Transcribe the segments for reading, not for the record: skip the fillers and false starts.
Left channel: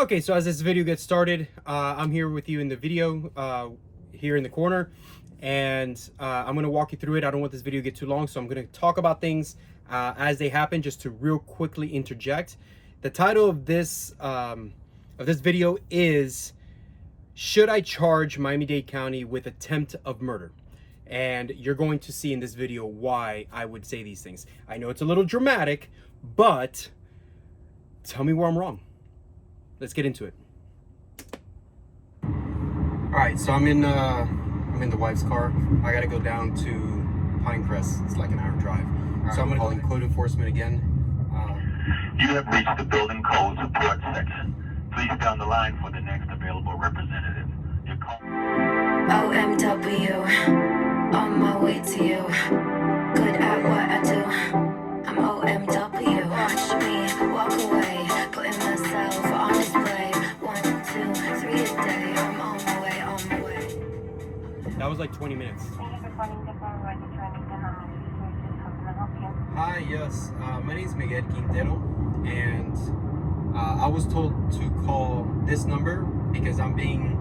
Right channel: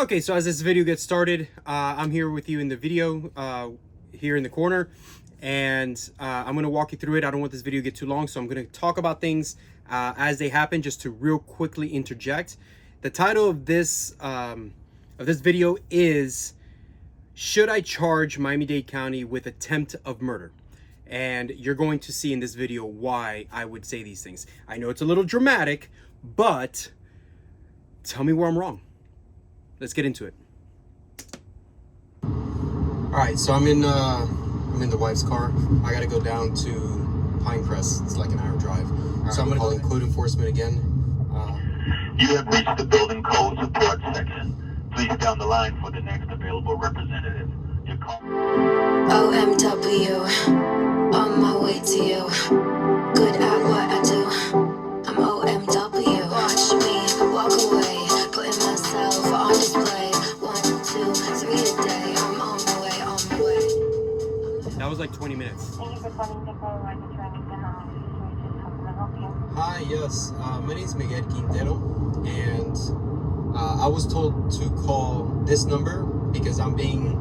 Okay, so as this video gets started, I'm here with you in the video here in the corner, and I'm going to walk you through it. I don't want this video to get too long, so I'm going to talk about things as they happen, just to real quickly interject. The title of this video is, should I charge Miami-Dade County with attempt of murder? And you're going to see in this video why I would say these things. I know it's a little dramatic, but tell me where I'm wrong. Let's get into it. All right, so I'm in the wife's car. I gotta go down to Pinecrest. It's like an hour drive. So I'm gonna call code enforcement again. You have reached the building code support section. Please stay on the line for the next available representative. Your call. OMW, on my way to you. Good at what I do. I'm OMW. Watch me walk away, putting myself on display. 1, 2, 3 a day. I'm on my way, on my way. That was like 20 minutes. Thank you for calling People Ready Training. How can I help you? Hi, yes. My name is Miguel Quintero, and I was told to call this number because I'm being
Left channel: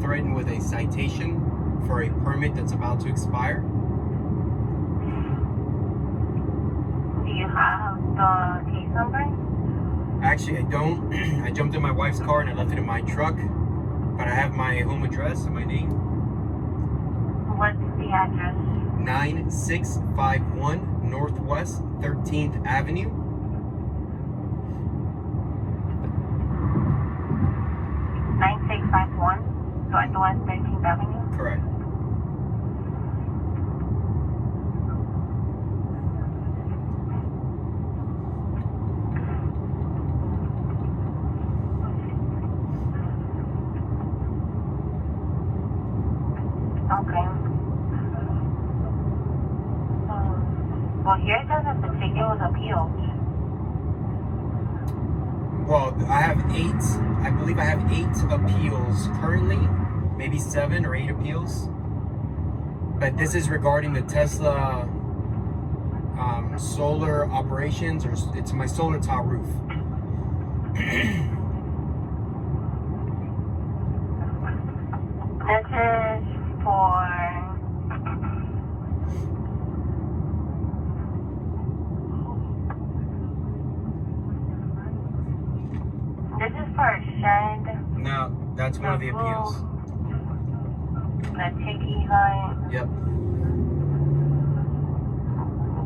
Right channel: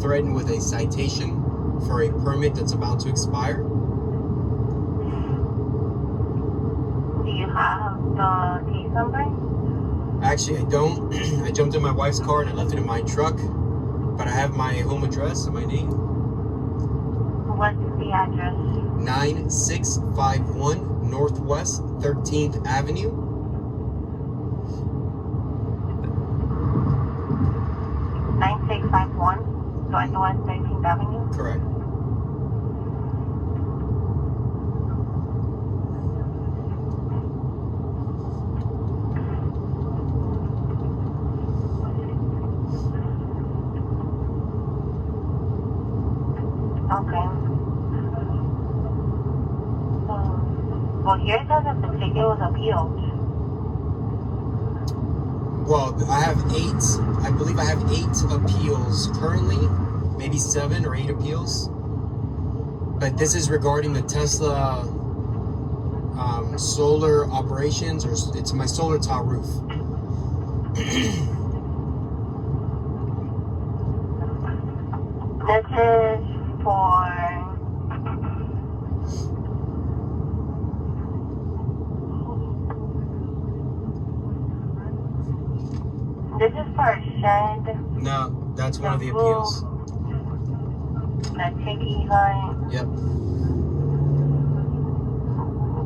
threatened with a citation for a permit that's about to expire. Do you have the case number? Actually, I don't. I jumped in my wife's car and I left it in my truck, but I have my home address and my name. What's the address? 9651 Northwest 13th Avenue. 9651 Northwest 13th Avenue. Correct. Okay. Well, here it says that the ticket was appealed. Well, I believe I have 8 appeals currently, maybe 7 or 8 appeals. But this is regarding the Tesla solar operations, or it's my solar tile roof. This is for... This is for a shed. No, that's one of the appeals. The ticket line. Yep.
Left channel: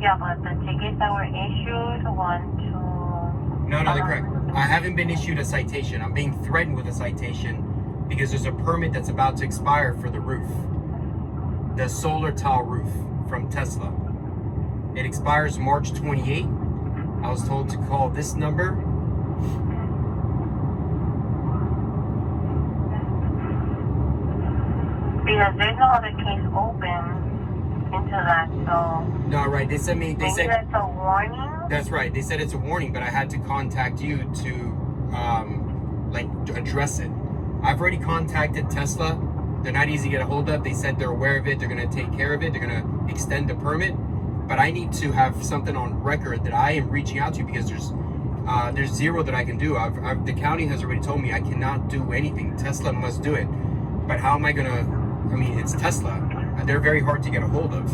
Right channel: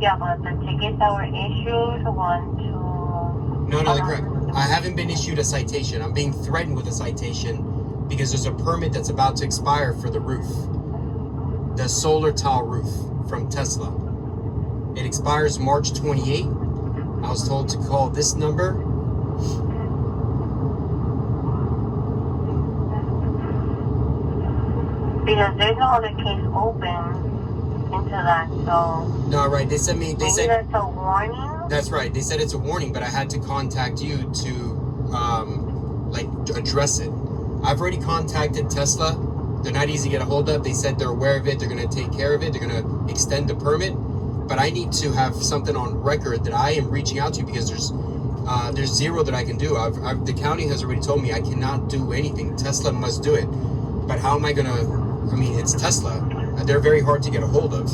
Yeah, but the tickets that were issued, 1, 2... No, they're correct. I haven't been issued a citation. I'm being threatened with a citation because there's a permit that's about to expire for the roof. The solar tile roof from Tesla. It expires March 28. I was told to call this number. Because there's no other case open into that, so... No, right, they said Maybe that's a warning? That's right, they said it's a warning, but I had to contact you to, address it. I've already contacted Tesla. They're not easy to get a hold of. They said they're aware of it, they're gonna take care of it, they're gonna extend the permit, but I need to have something on record that I am reaching out to you because there's zero that I can do. The county has already told me I cannot do anything. Tesla must do it. But how am I gonna, I mean, it's Tesla. They're very hard to get a hold of.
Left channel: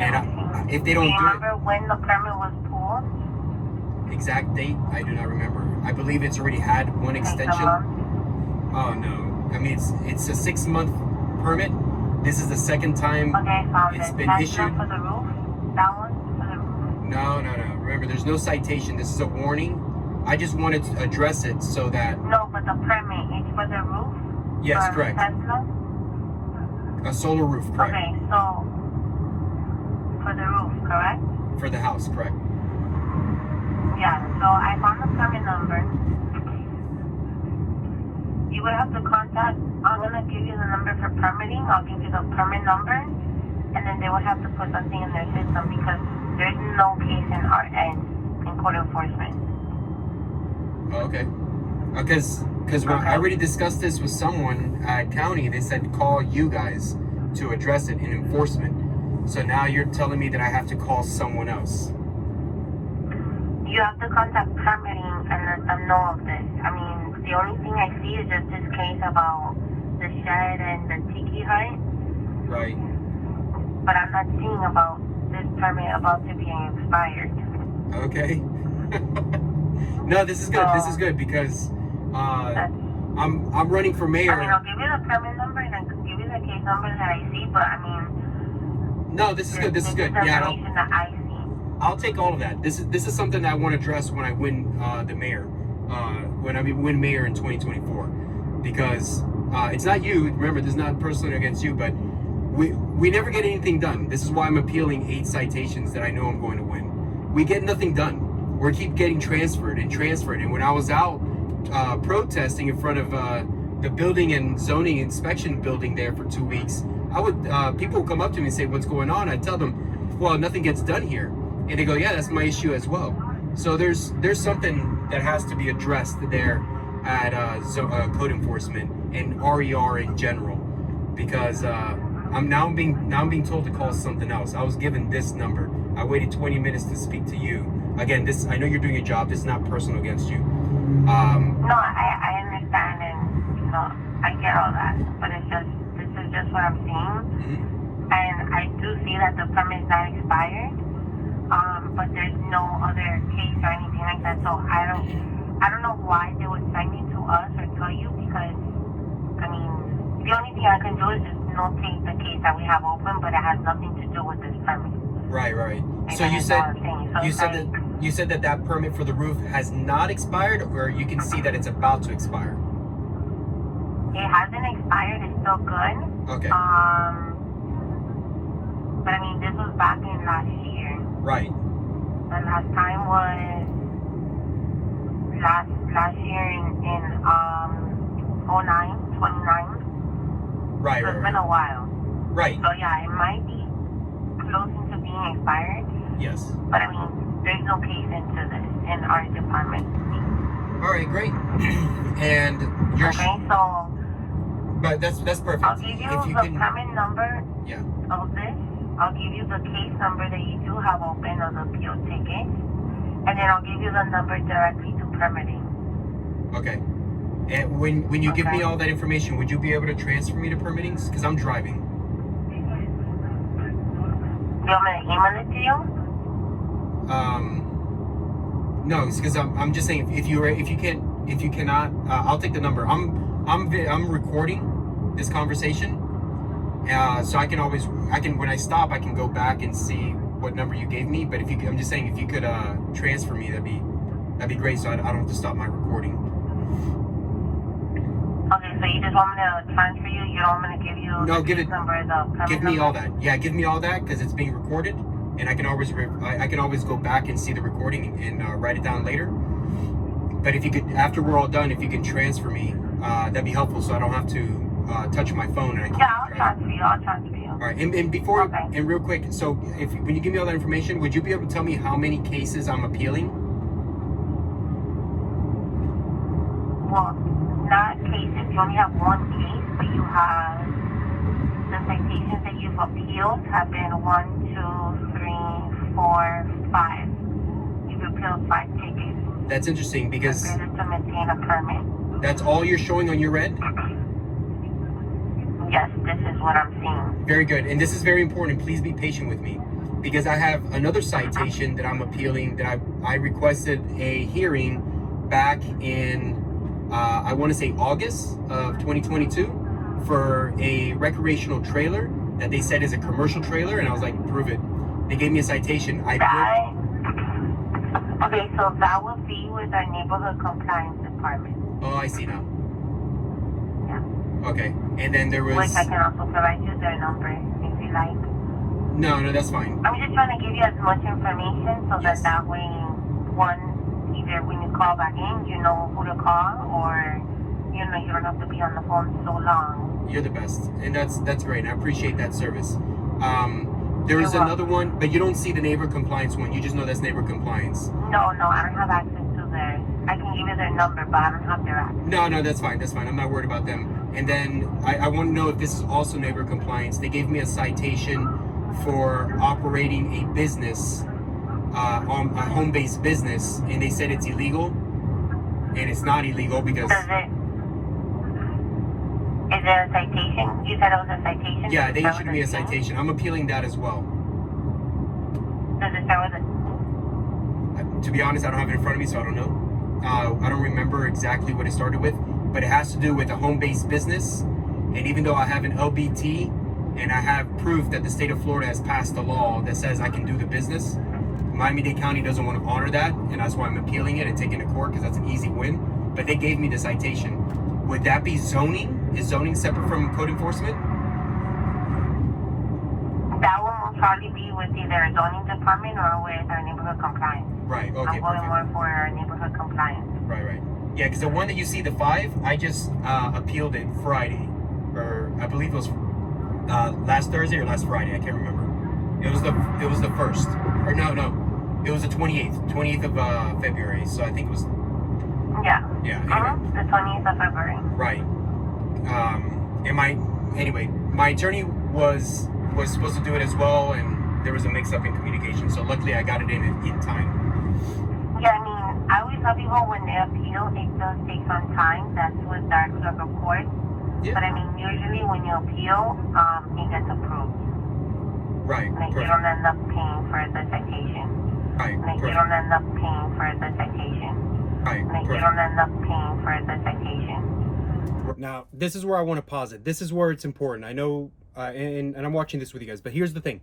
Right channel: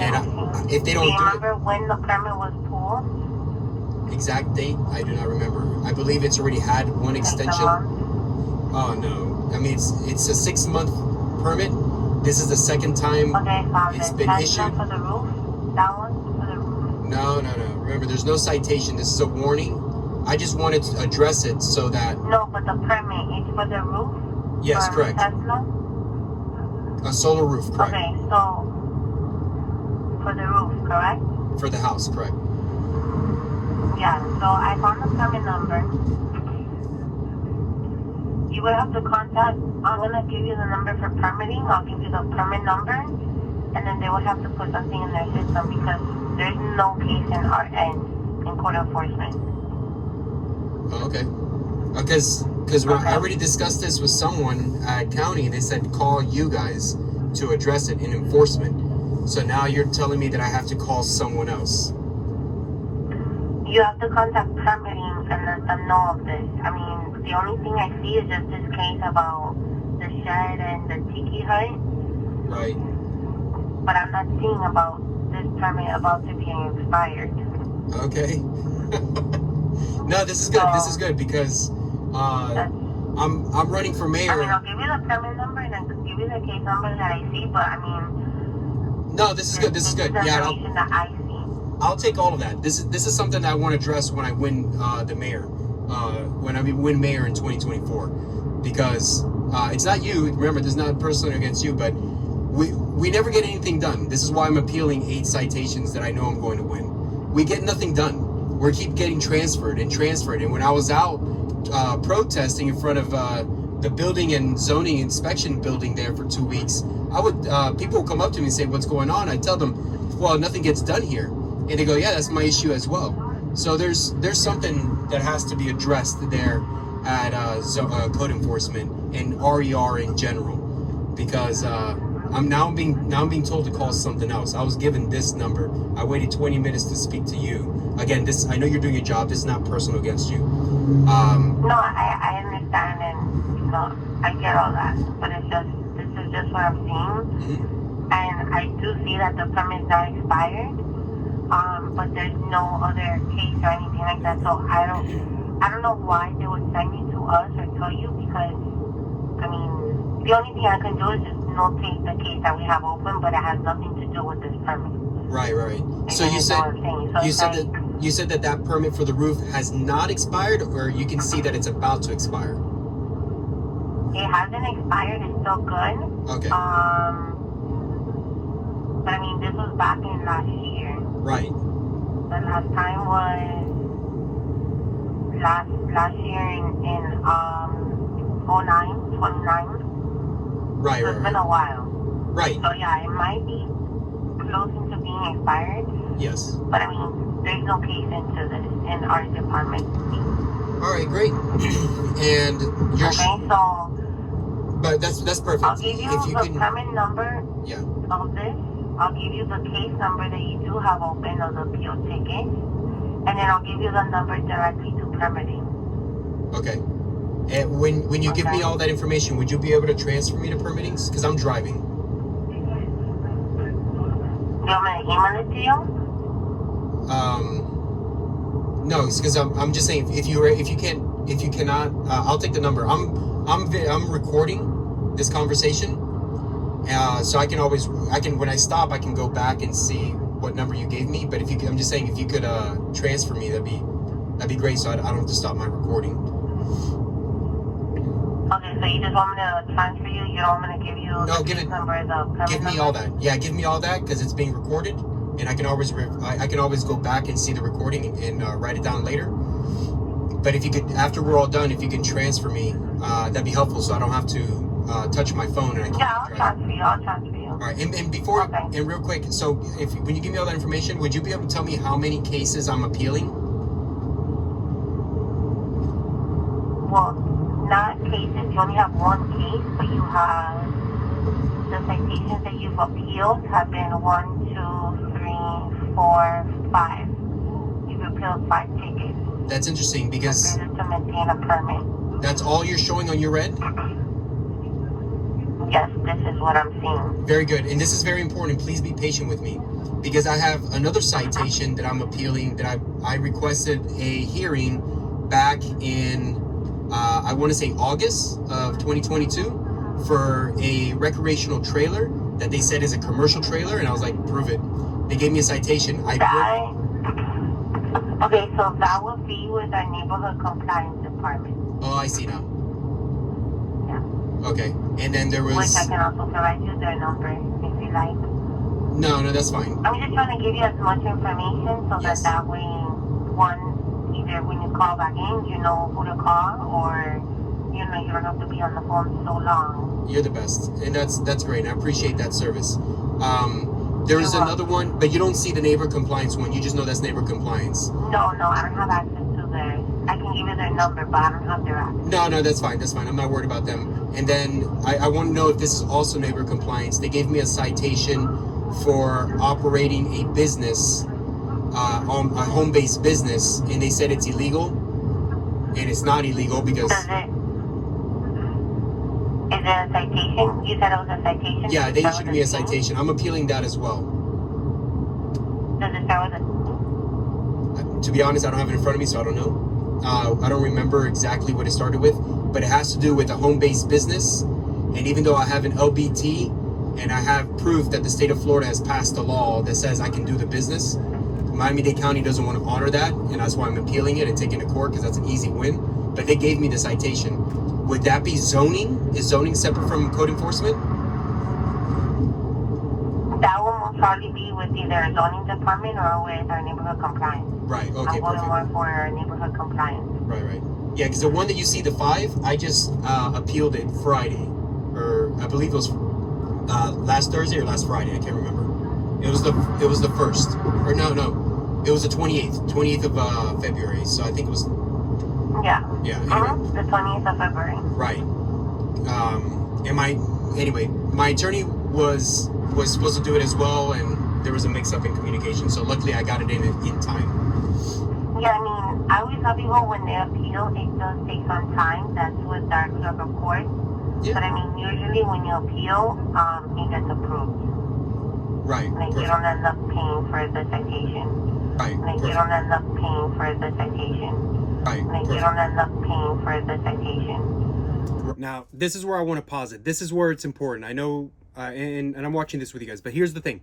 And if they don't do it... Do you remember when the permit was pulled? Exact date, I do not remember. I believe it's already had one extension. Oh no. I mean, it's a 6-month permit. This is the second time it's been issued. For the roof? That one? For the roof? No. Remember, there's no citation. This is a warning. I just wanted to address it so that... No, but the permit is for the roof? Yes, correct. Tesla? A solar roof, correct. Okay, so for the roof, correct? For the house, correct. Yeah, so I found the permit number. You would have to contact, I'm going to give you the number for permitting. I'll give you the permit number. And then they would have to put something in their system because there's no case in our end in code enforcement. Oh, okay. Because when I already discussed this with someone at county, they said call you guys to address it in enforcement. So now you're telling me that I have to call someone else. You have to contact permitting, and then the know of this. I mean, the only thing I see is just this case about the shed and the tiki hut. Right. But I'm not seeing about this permit about to be expired. Okay. No, this is good. This is good because I'm running for mayor. I mean, I'll give you the permit number and I'll give you the case number that I see, but I mean. No, this is good. This is good. Yeah, I'll take all of that. This is something that I want to address when I win the mayor. When I win mayor in 2024, because it's not you. Remember, this is not personally against you, but we never get anything done. This is why I'm appealing 8 citations that I know I'm going to win. We get nothing done. We keep getting transferred. And when I was out protesting in front of the building and zoning inspection building there for 2 weeks, I would people would come up to me and say, "What's going on?" I'd tell them, "Well, nothing gets done here," and they go, "Yeah, that's my issue as well." So there's something that has to be addressed there at code enforcement and RER in general, because I'm now being told to call something else. I was given this number. I waited 20 minutes to speak to you. Again, I know you're doing your job. This is not personal against you. No, I understand, and I get all that, but this is just what I'm seeing, and I do see that the permit is not expired, but there's no other case or anything like that. So I don't know why they would send you to us or tell you, because I mean, the only thing I can do is just notate the case that we have open, but it has nothing to do with this permit. Right. So you said that permit for the roof has not expired, or you can see that it's about to expire? It hasn't expired. It's still good. Okay. But I mean, this was back in last year. Right. The last time was last year in 29. Right. So it's been a while. Right. So yeah, it might be close to being expired. Yes. But I mean, there's no case into this in our department. All right, great. And you're okay, so. But that's perfect. I'll give you the permit number. Yeah. Of this. I'll give you the case number that you do have open of the appeal ticket, and then I'll give you the number directly to permitting. Okay. And when you give me all that information, would you be able to transfer me to permittings? Because I'm driving. You want me to email it to you? No, it's because I'm just saying if you cannot, I'll take the number. I'm recording this conversation. So I can when I stop, I can go back and see what number you gave me. But I'm just saying, if you could transfer me, that'd be great. So I don't have to stop my recording. Okay, so you just want me to transfer you? You don't want me to give you the number? Give me all that. Yeah, give me all that, because it's being recorded, and I can always go back and see the recording and write it down later. But if you could, after we're all done, if you can transfer me, that'd be helpful, so I don't have to touch my phone and I can't. Yeah, I'll transfer you. All right, and before, and real quick, so when you give me all that information, would you be able to tell me how many cases I'm appealing? Well, not cases. You only have one case, but you have the citations that you've appealed have been 1, 2, 3, 4, 5. You've appealed 5 tickets. That's interesting, because to maintain a permit. That's all you're showing on your end? Yes, this is what I'm seeing. Very good. And this is very important. Please be patient with me, because I have another citation that I'm appealing that I requested a hearing back in, I want to say August of 2022 for a recreational trailer that they said is a commercial trailer. And I was like, prove it. They gave me a citation. Okay, so that would be with our neighborhood compliance department. Oh, I see now. Okay, and then there was... Which I can also provide you their number if you like. No, that's fine. I'm just trying to give you as much information so that way, either when you call back in, you know who to call, or you don't have to be on the phone so long. You're the best, and that's great. I appreciate that service. There is another one, but you don't see the neighbor compliance one. You just know that's neighbor compliance. No, I don't have access to their... I can give you their number, but I don't have their access. No, that's fine. I'm not worried about them. And then I want to know if this is also neighbor compliance. They gave me a citation for operating a business, a home-based business, and they said it's illegal. and it's not illegal because Is it a citation? You said it was a citation? yeah, they issued me a citation. I'm appealing that as well. Does it start with a... To be honest, I don't have it in front of me, so I don't know. I don't remember exactly what it started with, but it has to do with a home-based business. And even though I have an LBT and I have proof that the state of Florida has passed a law that says I can do the business, Miami Dade County doesn't want to honor that, and that's why I'm appealing it and taking it to court because that's an easy win. But they gave me the citation. Would that be zoning? Is zoning separate from code enforcement? That one will probably be with either a zoning department or with our neighborhood compliance. Right, okay, I'm going perfect. more for our neighborhood compliance. Right. Yeah, because the one that you see, the 5, I just appealed it Friday, or I believe it was last Thursday or last Friday. I can't remember. It was the 1st, or no, it was the 28th of February. So I think it was. Yeah. Yeah. The 20th of February. Right. My attorney was supposed to do it as well, and there was a mix-up in communication. So luckily, I got it in time. Yeah, I mean, I always tell people when they appeal, it does take some time. That's with our clerk of court. Yeah. But I mean, usually when you appeal, it gets approved. Right. Like, you don't end up paying for the citation. Right. Like, you don't end up paying for the citation. Right. Like, you don't end up paying for the citation. Now, this is where I want to pause it. This is where it's important. I know, and I'm watching this with you guys, but here's the thing.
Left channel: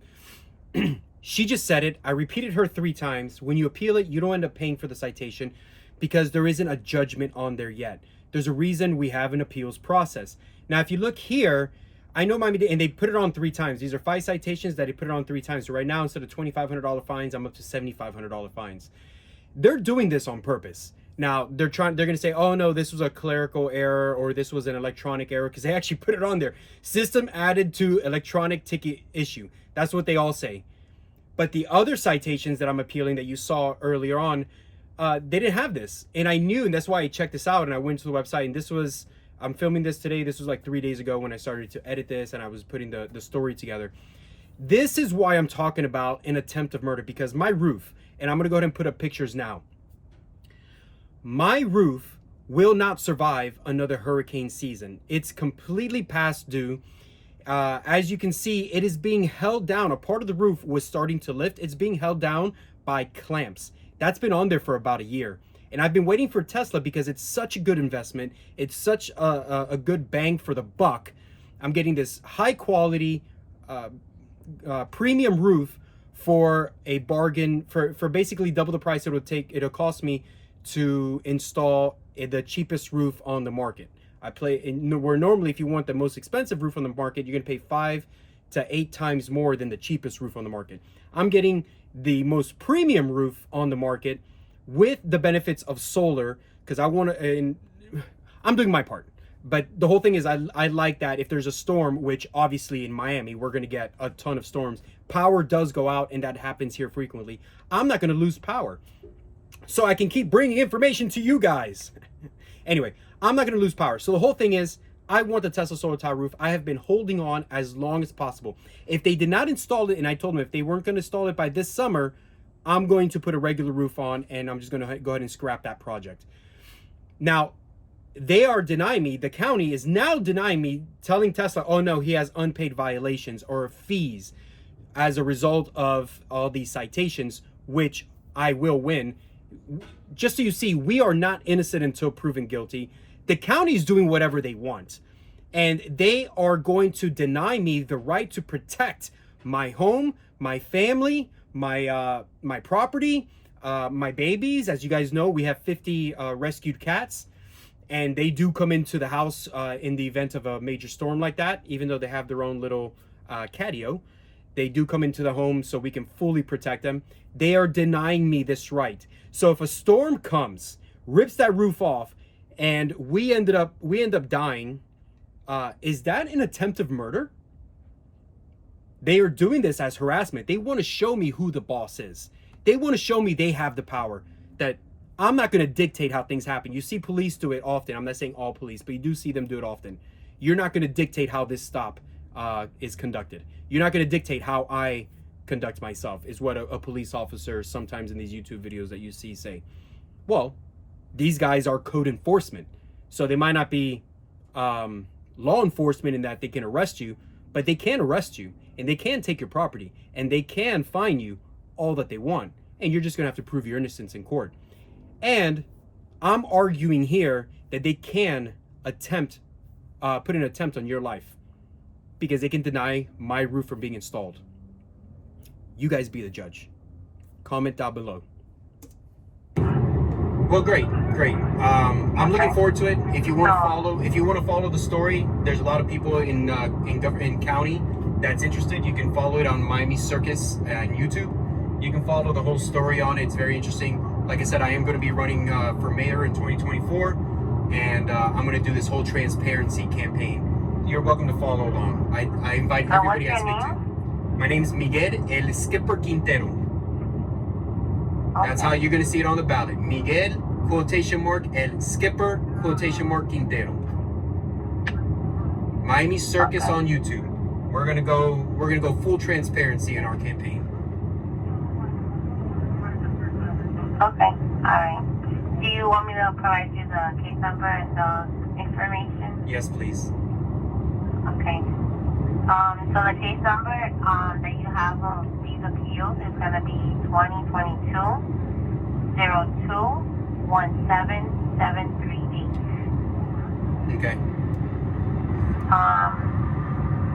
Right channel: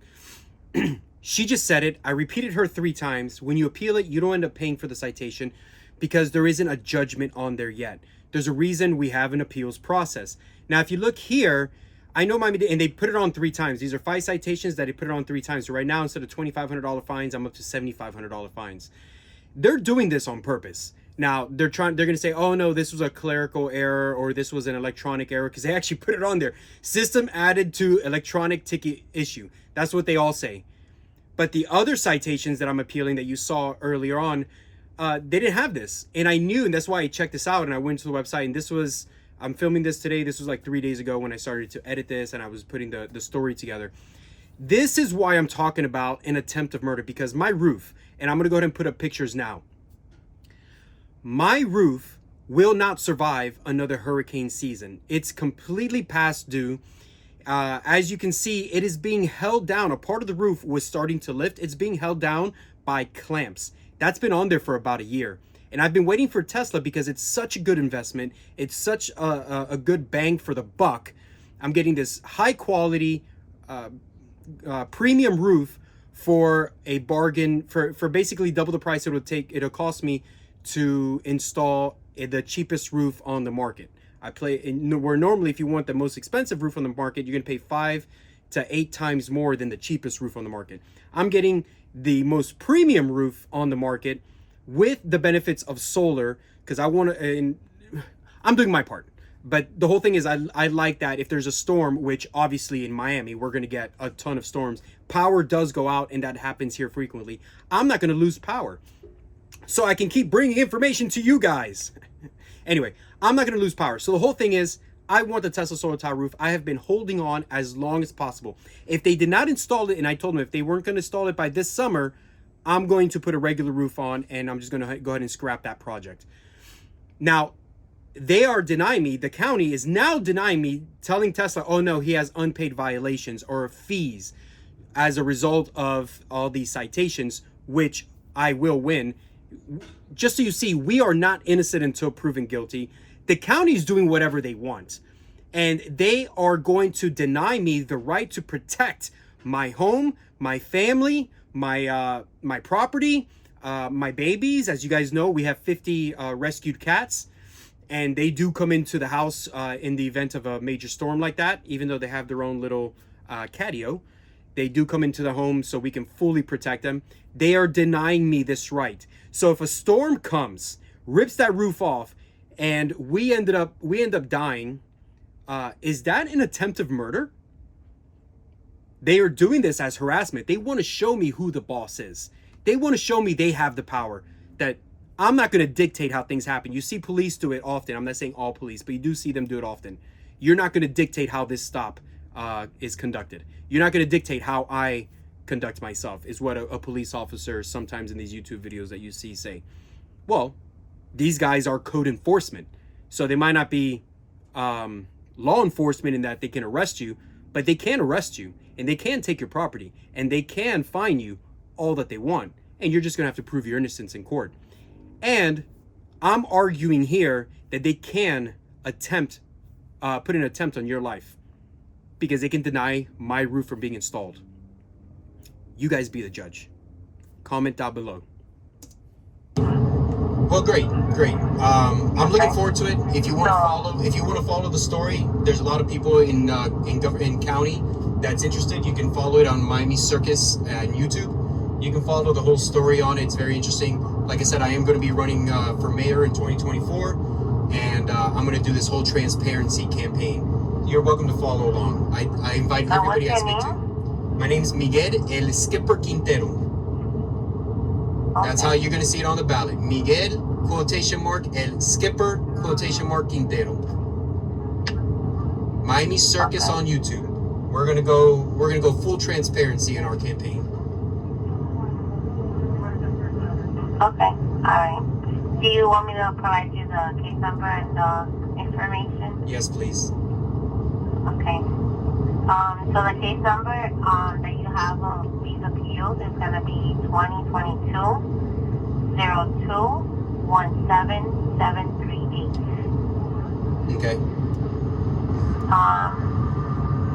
She just said it. I repeated her 3 times. When you appeal it, you don't end up paying for the citation because there isn't a judgment on there yet. There's a reason we have an appeals process. Now, if you look here, I know Miami Dade, and they put it on 3 times. These are 5 citations that they put it on 3 times. So right now, instead of $2,500 fines, I'm up to $7,500 fines. They're doing this on purpose. Now, they're going to say, oh no, this was a clerical error or this was an electronic error, because they actually put it on there. System added to electronic ticket issue. That's what they all say. But the other citations that I'm appealing that you saw earlier on, they didn't have this. And I knew, and that's why I checked this out and I went to the website, and this was, I'm filming this today. This was like 3 days ago when I started to edit this and I was putting the story together. This is why I'm talking about an attempt of murder, because my roof, and I'm going to go ahead and put up pictures now. My roof will not survive another hurricane season. It's completely past due. As you can see, it is being held down. A part of the roof was starting to lift. It's being held down by clamps. That's been on there for about a year. And I've been waiting for Tesla because it's such a good investment. It's such a good bang for the buck. I'm getting this high quality premium roof for a bargain, for basically double the price it'll cost me to install the cheapest roof on the market. Where normally if you want the most expensive roof on the market, you're gonna pay 5 to 8 times more than the cheapest roof on the market. I'm getting the most premium roof on the market with the benefits of solar, because I want to, and I'm doing my part. But the whole thing is I like that if there's a storm, which obviously in Miami, we're going to get a ton of storms. Power does go out, and that happens here frequently. I'm not going to lose power. So I can keep bringing information to you guys. Anyway, I'm not going to lose power. So the whole thing is, I want the Tesla solar tile roof. I have been holding on as long as possible. If they did not install it, and I told them if they weren't going to install it by this summer, I'm going to put a regular roof on, and I'm just going to go ahead and scrap that project. Now, they are denying me, the county is now denying me, telling Tesla, oh no, he has unpaid violations or fees as a result of all these citations, which I will win. Just so you see, we are not innocent until proven guilty. The county is doing whatever they want, and they are going to deny me the right to protect my home, my family, my property, my babies. As you guys know, we have 50 rescued cats, and they do come into the house in the event of a major storm like that. Even though they have their own little catio, they do come into the home so we can fully protect them. They are denying me this right. So if a storm comes, rips that roof off, and we end up dying, is that an attempt of murder? They are doing this as harassment. They want to show me who the boss is. They want to show me they have the power, that I'm not going to dictate how things happen. You see police do it often. I'm not saying all police, but you do see them do it often. You're not going to dictate how this stop is conducted. You're not going to dictate how I conduct myself, is what a police officer sometimes in these YouTube videos that you see say. Well, These guys are code enforcement. So they might not be law enforcement in that they can arrest you, but they can arrest you and they can take your property and they can fine you all that they want. And you're just going to have to prove your innocence in court. And I'm arguing here that they can attempt, put an attempt on your life because they can deny my roof from being installed. You guys be the judge. Comment down below. Well, great. I'm looking forward to it. If you want to follow the story, there's a lot of people in county that's interested. You can follow it on Miami Circus on YouTube. You can follow the whole story on it. It's very interesting. Like I said, I am going to be running for mayor in 2024, and I'm going to do this whole transparency campaign. You're welcome to follow along. I invite everybody I speak to. My name is Miguel El Skipper Quintero. That's how you're going to see it on the ballot. Miguel, quotation mark, El Skipper, quotation mark, Quintero. Miami Circus on YouTube. We're gonna go full transparency in our campaign. Okay, alright. Do you want me to provide you the case number and the information? Yes, please. Okay. So the case number that you have of these appeals is going to be 2022-02-17738. Okay.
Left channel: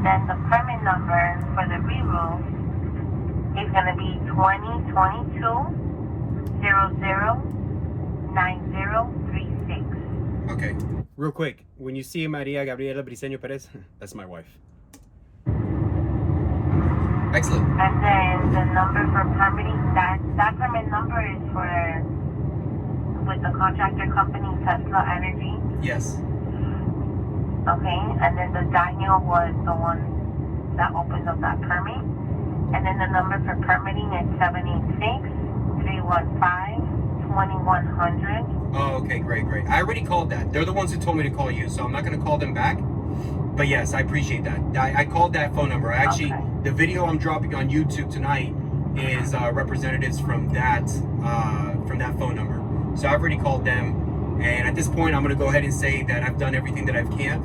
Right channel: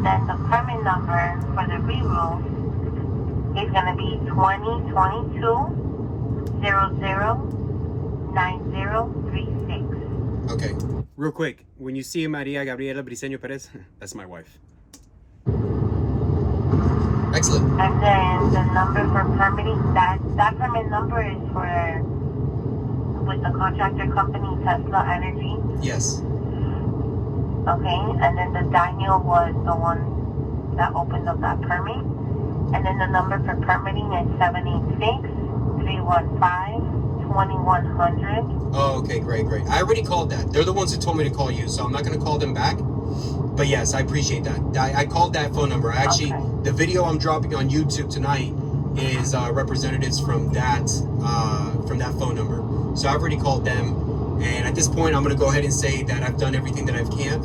Then the permit number for the re-roof is going to be 2022-009036. Okay. Real quick, when you see Maria Gabriela Briceño Perez, that's my wife. Excellent. And then the number for permitting, that permit number is for with the contractor company Tesla Energy. Yes. Okay, and then the Daniel was the one that opened up that permit. And then the number for permitting is 786-315-2100. Oh, okay, great. I already called that. They're the ones who told me to call you, so I'm not going to call them back. But yes, I appreciate that. I called that phone number. Actually, okay. The video I'm dropping on YouTube tonight is representatives from that phone number. So I've already called them, and at this point, I'm going to go ahead and say that I've done everything that I can.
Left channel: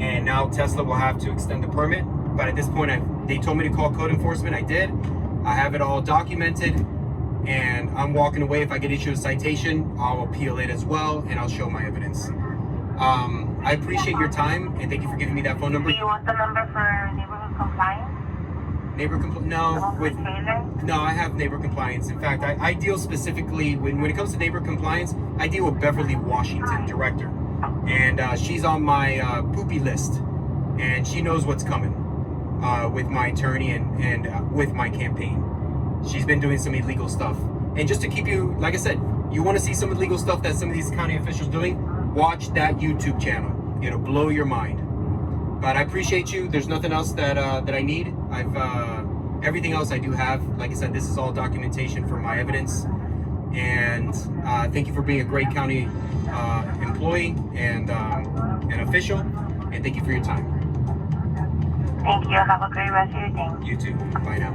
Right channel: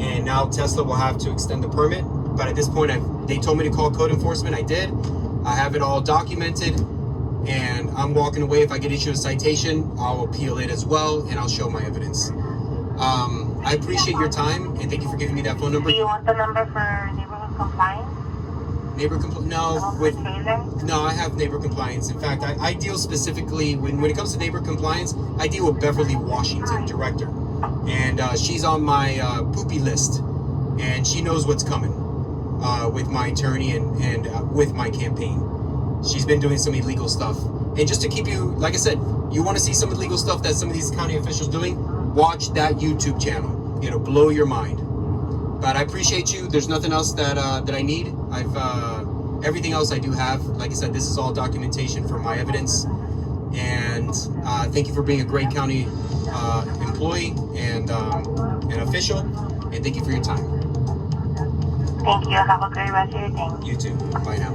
And now Tesla will have to extend the permit. But at this point, they told me to call code enforcement. I did. I have it all documented, and I'm walking away. If I get issued a citation, I'll appeal it as well, and I'll show my evidence. I appreciate your time, and thank you for giving me that phone number. Do you want the number for neighborhood compliance? No, I have neighbor compliance. In fact, I deal specifically, when it comes to neighbor compliance, I deal with Beverly Washington, director. And she's on my poopy list, and she knows what's coming with my attorney and with my campaign. She's been doing some illegal stuff. And just to keep you, like I said, you want to see some illegal stuff that some of these county officials doing, watch that YouTube channel. It'll blow your mind. But I appreciate you. There's nothing else that I need. Everything else I do have. Like I said, this is all documentation for my evidence. And thank you for being a great county employee and an official. And thank you for your time. Thank you. Have a great rest of your day. You too. Bye now.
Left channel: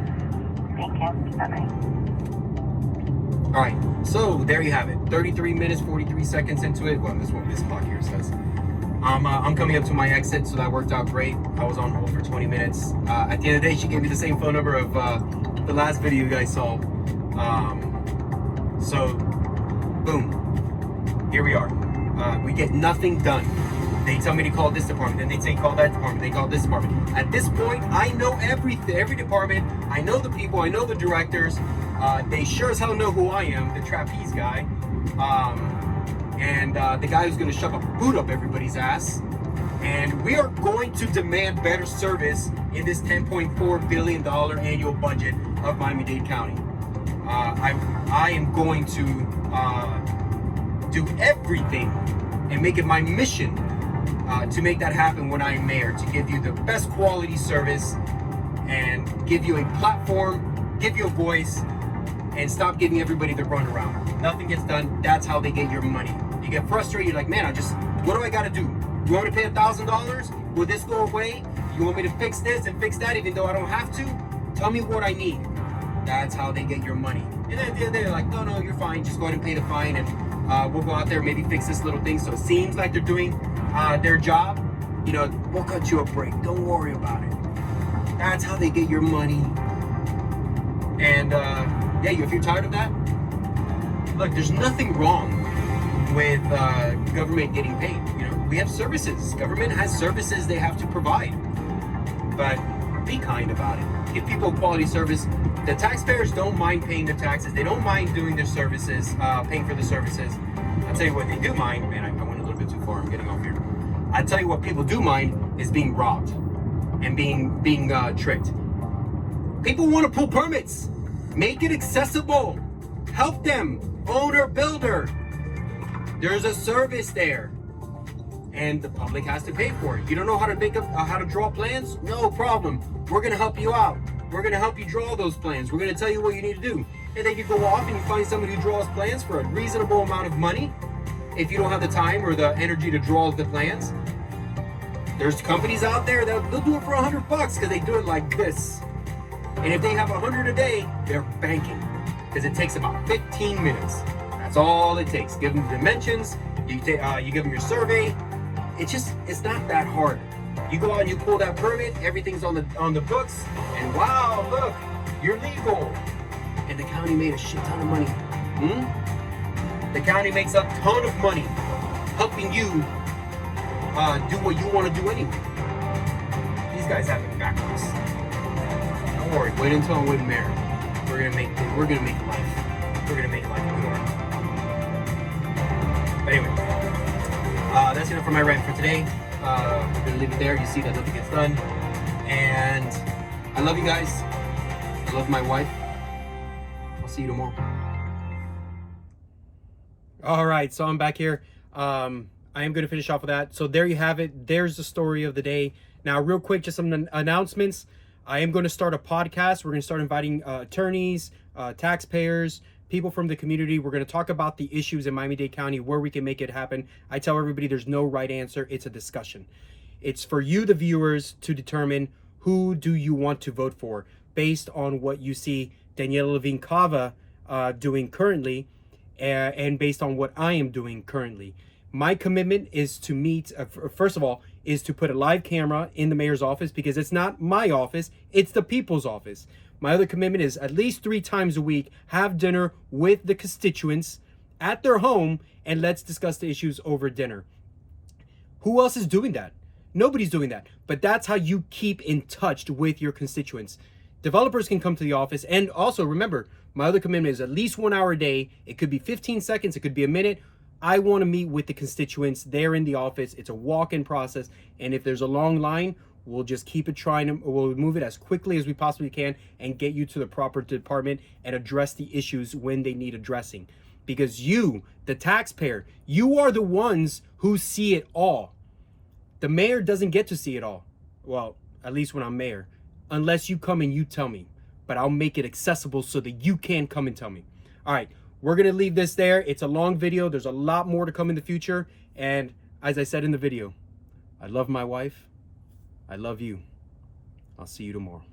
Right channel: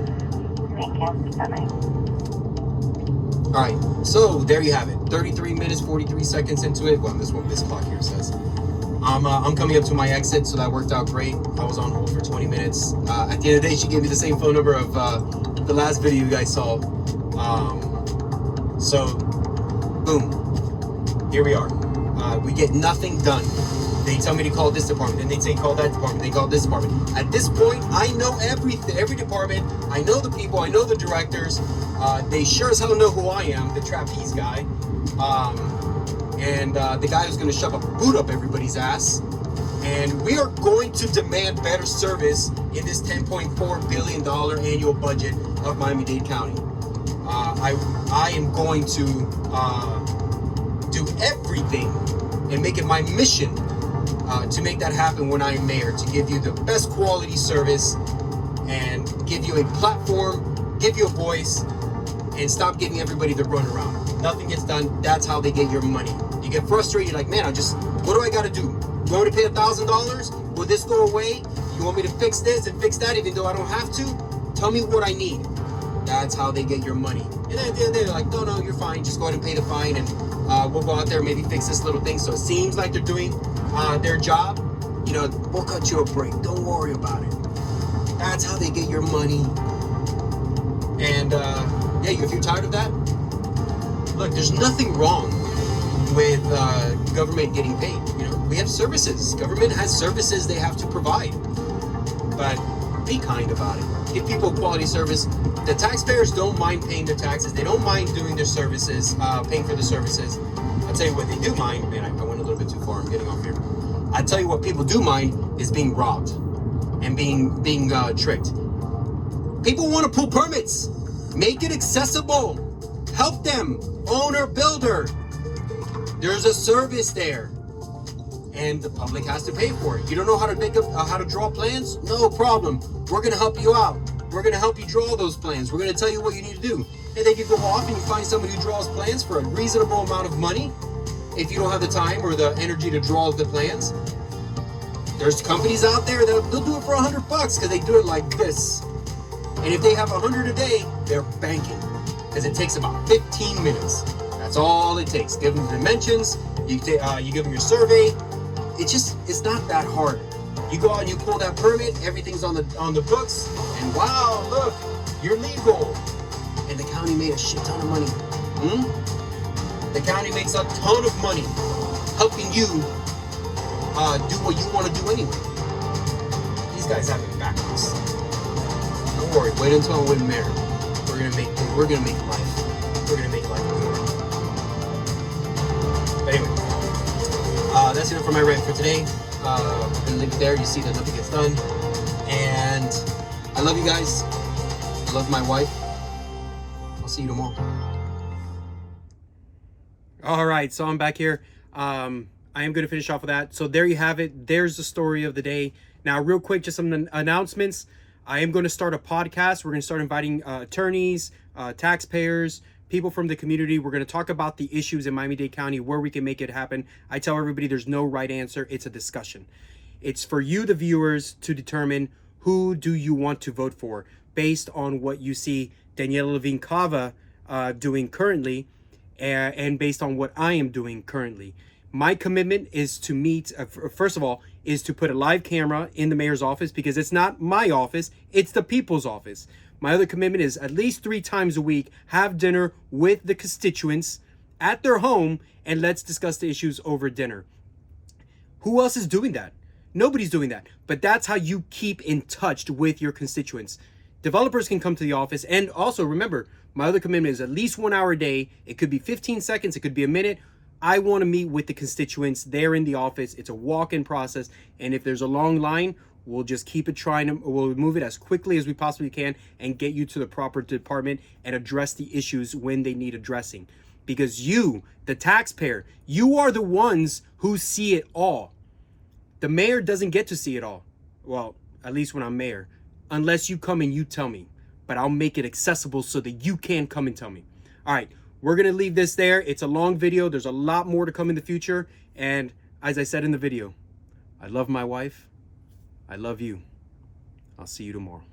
Thank you. Bye-bye. All right, so there you have it. 33 minutes, 43 seconds into it. Well, this clock here says. I'm coming up to my exit, so that worked out great. I was on hold for 20 minutes. At the end of the day, she gave me the same phone number of the last video you guys saw. So, boom, here we are. We get nothing done. They tell me to call this department, then they say call that department, they call this department. At this point, I know every department. I know the people, I know the directors. They sure as hell know who I am, the trapeze guy. And the guy who's going to shove a boot up everybody's ass. And we are going to demand better service in this $10.4 billion annual budget of Miami-Dade County. I am going to do everything and make it my mission to make that happen when I am mayor, to give you the best quality service and give you a platform, give you a voice, and stop giving everybody the run around. Nothing gets done. That's how they get your money. You get frustrated, like, man, what do I got to do? Do I want to pay $1,000? Will this go away? You want me to fix this and fix that even though I don't have to? Tell me what I need. That's how they get your money. And then they're like, no, you're fine. Just go ahead and pay the fine and we'll go out there, maybe fix this little thing so it seems like they're doing their job. You know, we'll cut you a break. Don't worry about it. That's how they get your money. And yeah, if you're tired of that, look, there's nothing wrong with government getting paid. You know, we have services. Government has services they have to provide. But be kind about it. Give people quality service. The taxpayers don't mind paying their taxes. They don't mind doing their services, paying for the services. I'll tell you what they do mind. Man, I went a little bit too far. I'm getting off here. I tell you what people do mind is being robbed and being tricked. People want to pull permits. Make it accessible. Help them. Owner, builder. There's a service there, and the public has to pay for it. You don't know how to draw plans? No problem. We're gonna help you out. We're gonna help you draw those plans. We're gonna tell you what you need to do, and then you go off and you find somebody who draws plans for a reasonable amount of money. If you don't have the time or the energy to draw the plans, there's companies out there that they'll do it for $100 because they do it like this. And if they have 100 a day, they're banking because it takes about 15 minutes. That's all it takes. Give them the dimensions. You give them your survey. It's not that hard. You go out, you pull that permit. Everything's on the books, and wow, look, you're legal. And the county made a shit ton of money. The county makes a ton of money helping you do what you want to do anyway. These guys have it backwards. Don't worry. Wait until I win mayor. We're gonna make life. We're gonna make life good. But anyway, that's it for my rant for today. I'm gonna leave it there. You see that nothing gets done. And I love you guys. I love my wife. I'll see you tomorrow. All right, so I'm back here. I am going to finish off with that. So there you have it. There's the story of the day. Now, real quick, just some announcements. I am going to start a podcast. We're going to start inviting attorneys, taxpayers, people from the community. We're going to talk about the issues in Miami-Dade County, where we can make it happen. I tell everybody there's no right answer. It's a discussion. It's for you, the viewers, to determine who do you want to vote for based on what you see Daniela Levine Cava doing currently, and based on what I am doing currently. My commitment is to meet, first of all, is to put a live camera in the mayor's office, because it's not my office, it's the people's office. My other commitment is at least 3 times a week, have dinner with the constituents at their home, and let's discuss the issues over dinner. Who else is doing that? Nobody's doing that. But that's how you keep in touch with your constituents. Developers can come to the office, and also remember, my other commitment is at least 1 hour a day. It could be 15 seconds, it could be a minute. I want to meet with the constituents there in the office. It's a walk-in process, and if there's a long line, we'll just keep it we'll move it as quickly as we possibly can and get you to the proper department and address the issues when they need addressing. Because you, the taxpayer, you are the ones who see it all. The mayor doesn't get to see it all. Well, at least when I'm mayor. Unless you come and you tell me. But I'll make it accessible so that you can come and tell me. All right, we're going to leave this there. It's a long video. There's a lot more to come in the future. And as I said in the video, I love my wife. I love you. I'll see you tomorrow.